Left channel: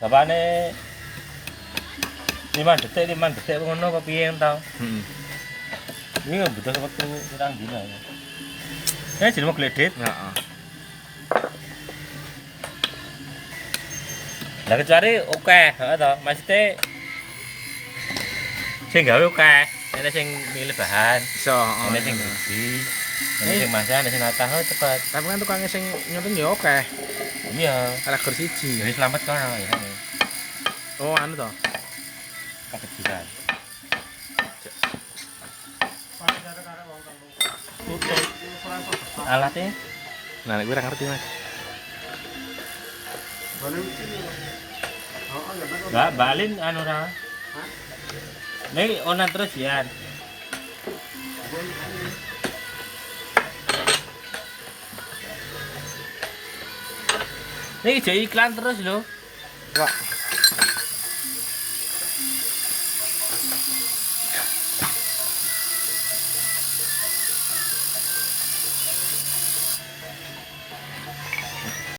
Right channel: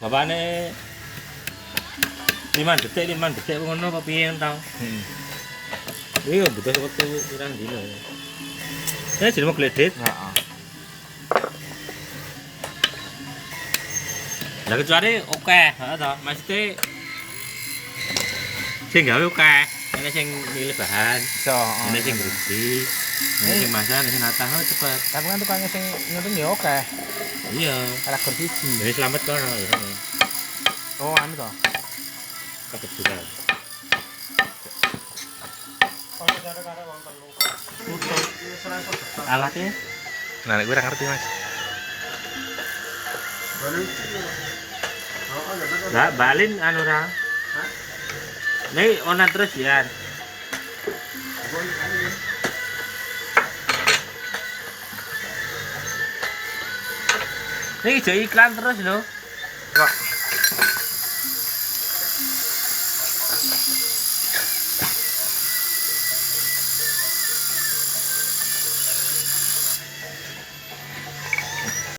Bapakne 5 detik ngono apa piye tau. Iya betul betul kurang dino. Ya jeneng gledit. Heeh. Lah kecuali oke, heeh to. Maksudnya sing gawe oke, ana sing milih bahan. Iso, Ana sing gede. Ana sing masak, ana sing natah cepet. Tapi kan tukangnya sing nyuting ya oke. Iya, Karakter siji. jadi selamat kan. Oh, anu to. Kebetulan. Alatnya? Nah, nek gue ora ngerti, Mas. Mbak Balin anu ra. Nih ona terus ya. Nih ijo iklan terus lho. Kok